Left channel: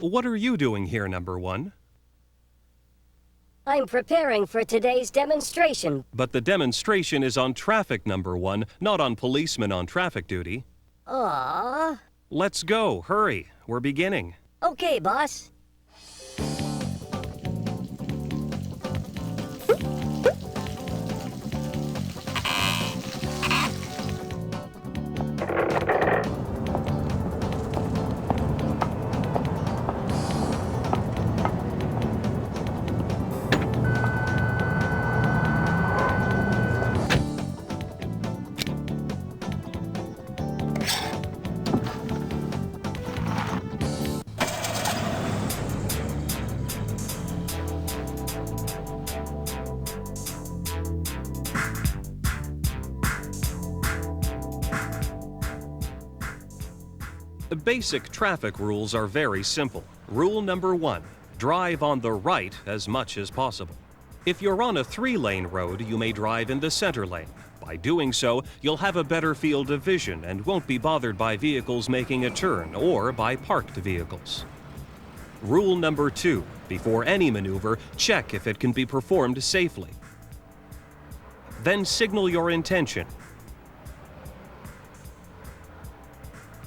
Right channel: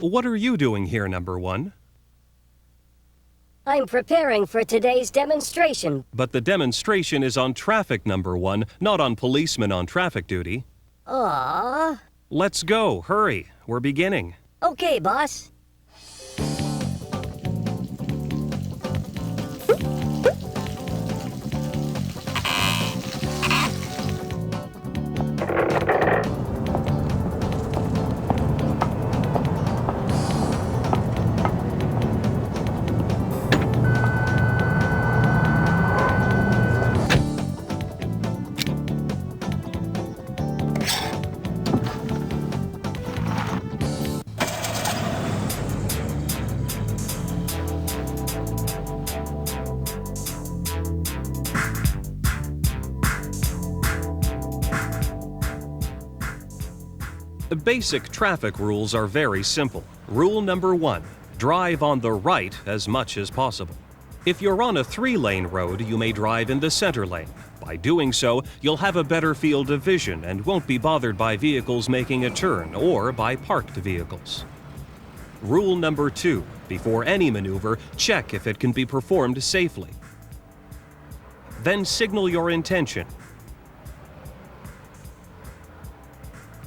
What are you doing here, number one? I'm preparing for today's demonstration. But the demonstration is on traffic, number one, not on policemen on traffic duty. Aww. Let's go, hurry, we're beginning. Okay, boss. The basic traffic rules are very simple. Rule number one, drive on the right as much as possible. If you're on a 3-lane road, you may drive in the center lane. By doing so, you'll have a better field of vision and won't be bothered by vehicles making a turn or by parked vehicles. Rule number two, before any maneuver, check if it can be performed safely. Then signal your intention.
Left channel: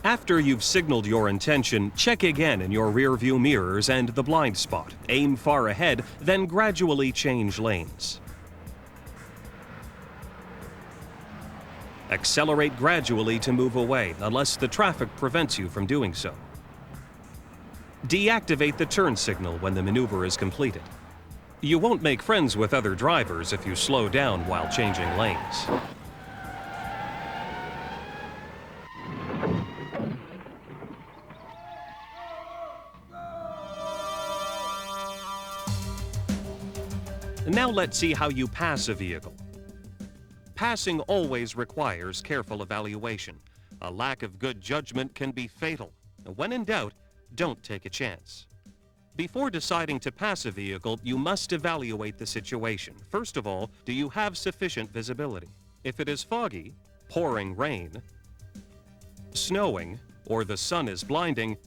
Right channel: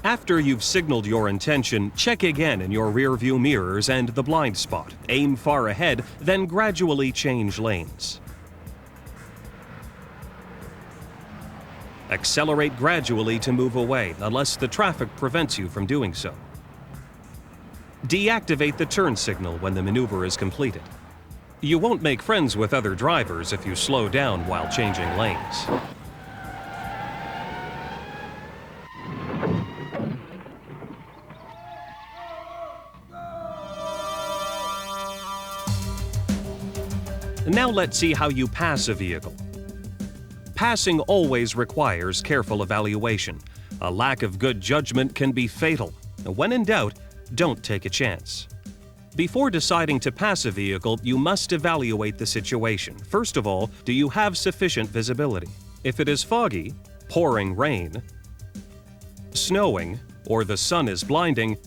After you've signaled your intention, check again in your rear-view mirrors and the blind spot. Aim far ahead, then gradually change lanes. Accelerate gradually to move away, unless the traffic prevents you from doing so. Deactivate the turn signal when the maneuver is completed. You won't make friends with other drivers if you slow down while changing lanes. Now let's see how you pass a vehicle. Passing always requires careful evaluation. A lack of good judgment can be fatal. When in doubt, don't take a chance. Before deciding to pass a vehicle, you must evaluate the situation. First of all, do you have sufficient visibility? If it is foggy, pouring rain, snowing, or the sun is blinding,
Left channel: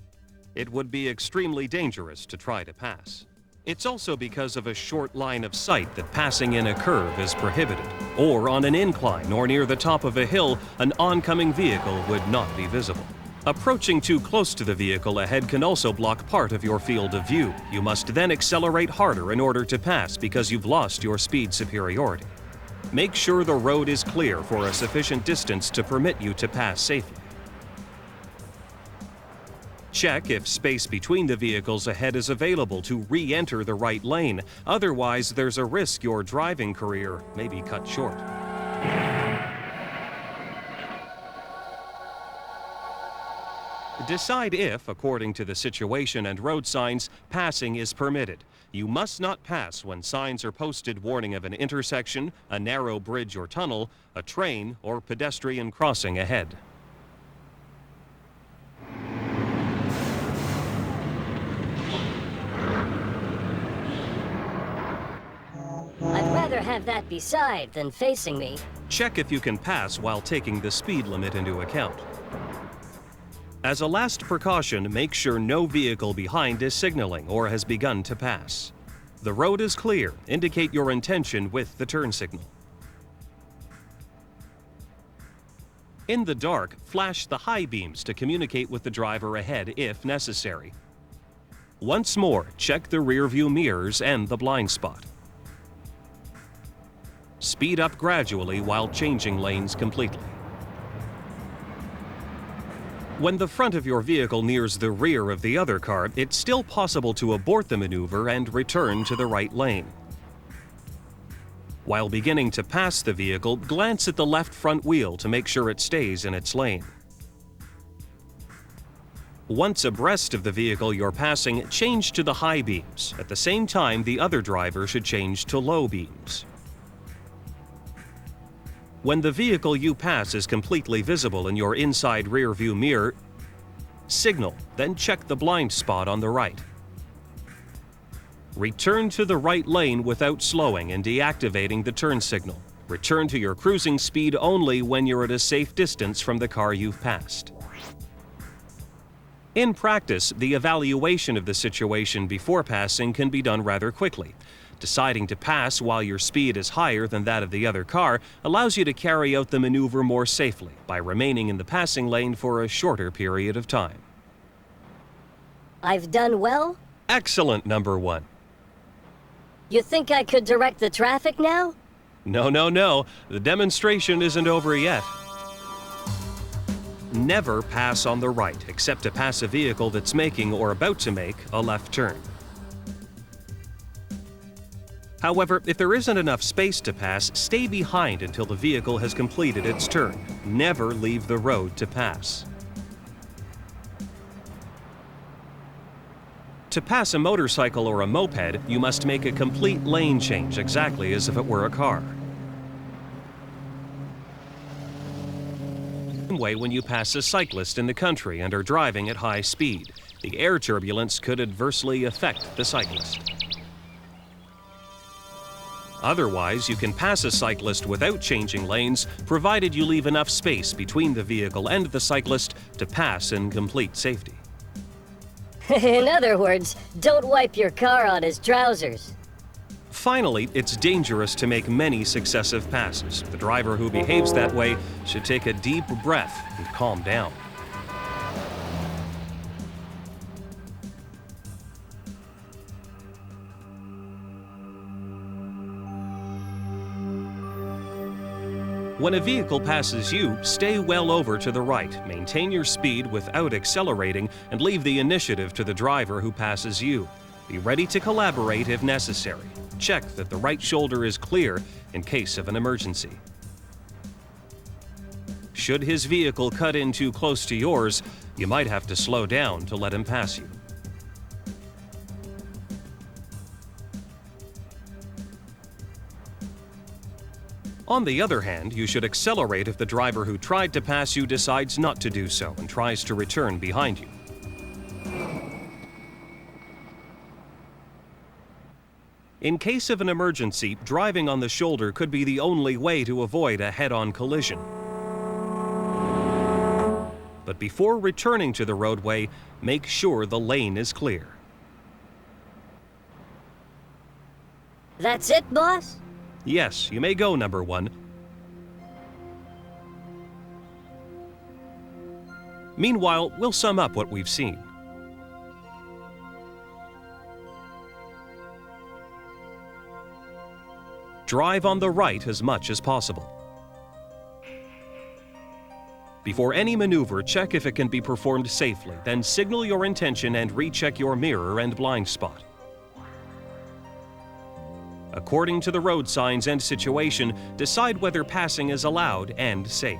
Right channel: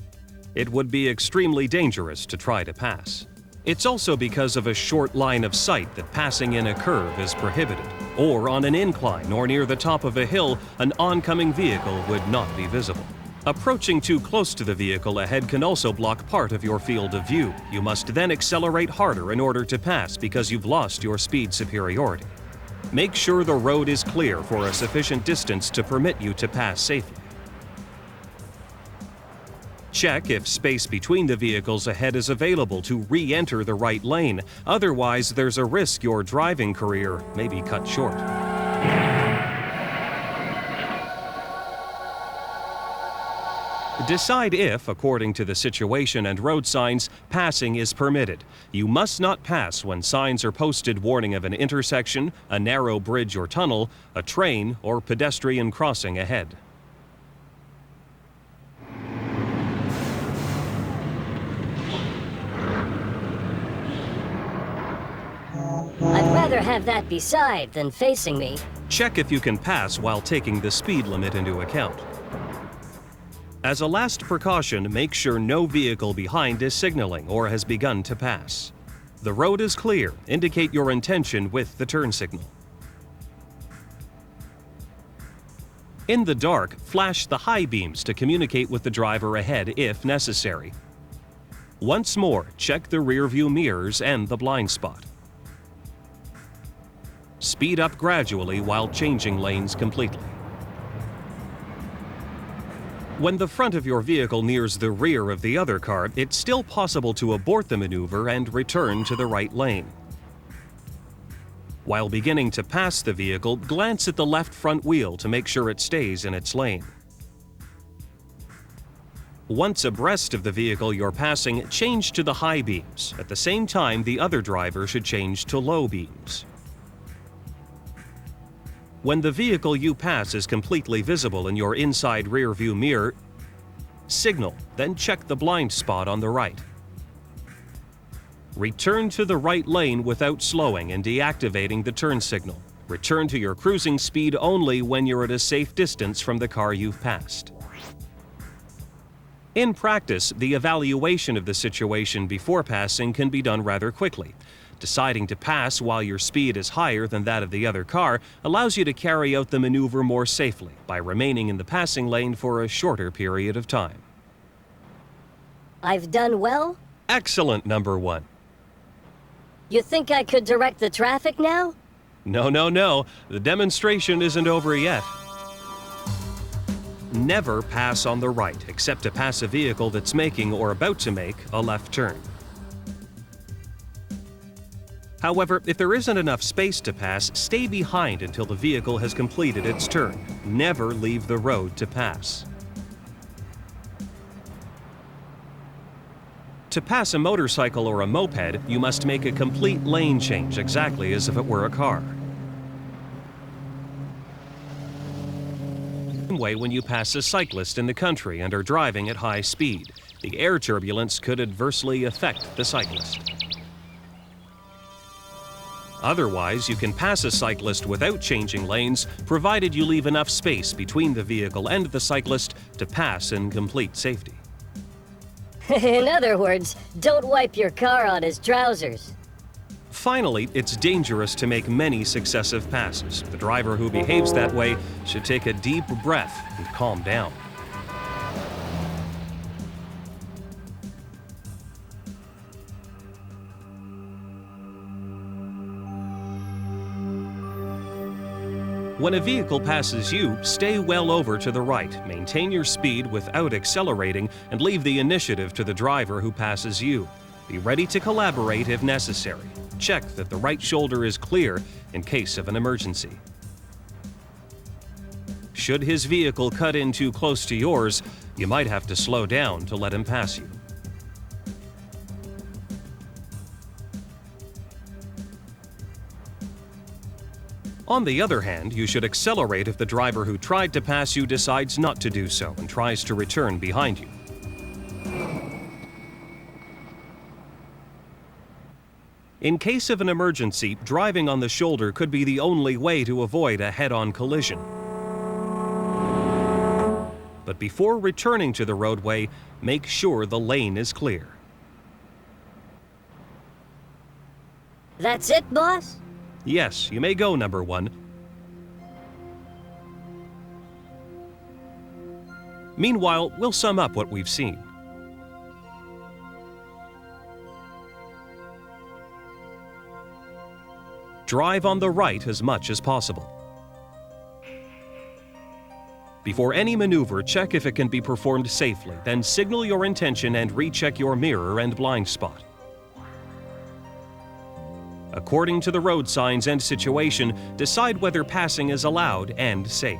it would be extremely dangerous to try to pass. It's also because of a short line of sight that passing in a curve is prohibited, or on an incline or near the top of a hill, an oncoming vehicle would not be visible. Approaching too close to the vehicle ahead can also block part of your field of view. You must then accelerate harder in order to pass because you've lost your speed superiority. Make sure the road is clear for a sufficient distance to permit you to pass safely. Check if space between the vehicles ahead is available to re-enter the right lane. Otherwise, there's a risk your driving career may be cut short. Decide if, according to the situation and road signs, passing is permitted. You must not pass when signs are posted warning of an intersection, a narrow bridge or tunnel, a train, or pedestrian crossing ahead. I'd rather have that beside than facing me. Check if you can pass while taking the speed limit into account. As a last precaution, make sure no vehicle behind is signaling or has begun to pass. The road is clear. Indicate your intention with the turn signal. In the dark, flash the high beams to communicate with the driver ahead if necessary. Once more, check the rear-view mirrors and the blind spot. Speed up gradually while changing lanes completely. When the front of your vehicle nears the rear of the other car, it's still possible to abort the maneuver and return to the right lane. While beginning to pass the vehicle, glance at the left front wheel to make sure it stays in its lane. Once abreast of the vehicle you're passing, change to the high beams. At the same time, the other driver should change to low beams. When the vehicle you pass is completely visible in your inside rear-view mirror, signal, then check the blind spot on the right. Return to the right lane without slowing and deactivating the turn signal. Return to your cruising speed only when you're at a safe distance from the car you've passed. In practice, the evaluation of the situation before passing can be done rather quickly. Deciding to pass while your speed is higher than that of the other car allows you to carry out the maneuver more safely by remaining in the passing lane for a shorter period of time. I've done well? Excellent, number one. You think I could direct the traffic now? No, no, no. The demonstration isn't over yet. Never pass on the right, except to pass a vehicle that's making or about to make a left turn. However, if there isn't enough space to pass, stay behind until the vehicle has completed its turn. Never leave the road to pass. To pass a motorcycle or a moped, you must make a complete lane change exactly as if it were a car. Same way when you pass a cyclist in the country and are driving at high speed. The air turbulence could adversely affect the cyclist. Otherwise, you can pass a cyclist without changing lanes, provided you leave enough space between the vehicle and the cyclist to pass in complete safety. In other words, don't wipe your car on his trousers. Finally, it's dangerous to make many successive passes. The driver who behaves that way should take a deep breath and calm down. When a vehicle passes you, stay well over to the right. Maintain your speed without accelerating and leave the initiative to the driver who passes you. Be ready to collaborate if necessary. Check that the right shoulder is clear in case of an emergency. Should his vehicle cut in too close to yours, you might have to slow down to let him pass you. On the other hand, you should accelerate if the driver who tried to pass you decides not to do so and tries to return behind you. In case of an emergency, driving on the shoulder could be the only way to avoid a head-on collision. But before returning to the roadway, make sure the lane is clear. That's it, boss? Yes, you may go, number one. Meanwhile, we'll sum up what we've seen. Drive on the right as much as possible. Before any maneuver, check if it can be performed safely, then signal your intention and recheck your mirror and blind spot. According to the road signs and situation, decide whether passing is allowed and safe.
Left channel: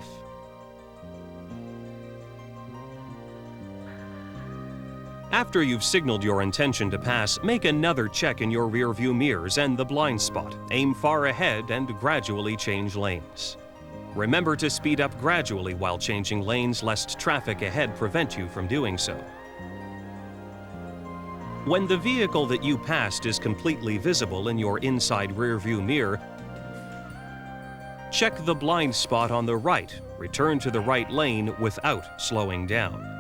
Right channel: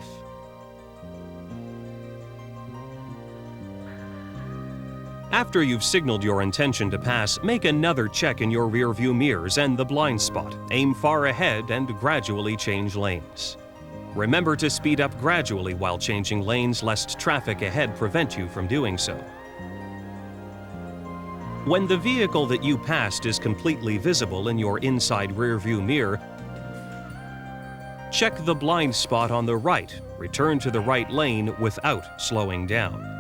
After you've signaled your intention to pass, make another check in your rearview mirrors and the blind spot. Aim far ahead and gradually change lanes. Remember to speed up gradually while changing lanes, lest traffic ahead prevent you from doing so. When the vehicle that you passed is completely visible in your inside rearview mirror, check the blind spot on the right. Return to the right lane without slowing down.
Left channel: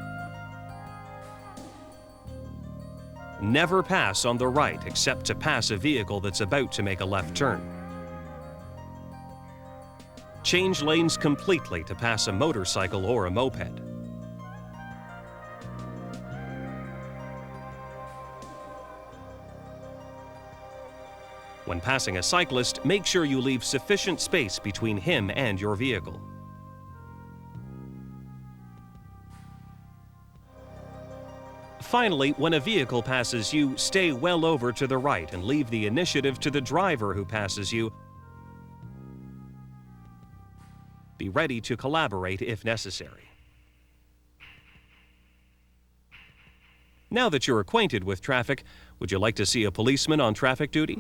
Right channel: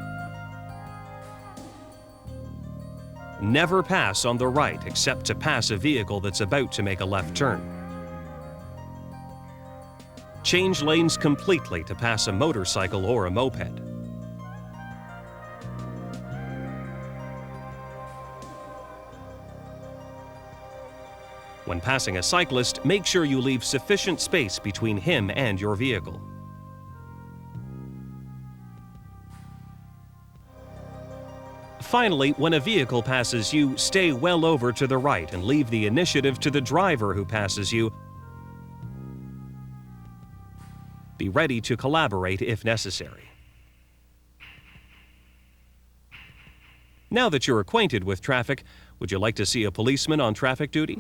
Never pass on the right except to pass a vehicle that's about to make a left turn. Change lanes completely to pass a motorcycle or a moped. When passing a cyclist, make sure you leave sufficient space between him and your vehicle. Finally, when a vehicle passes you, stay well over to the right and leave the initiative to the driver who passes you. Be ready to collaborate if necessary. Now that you're acquainted with traffic, would you like to see a policeman on traffic duty?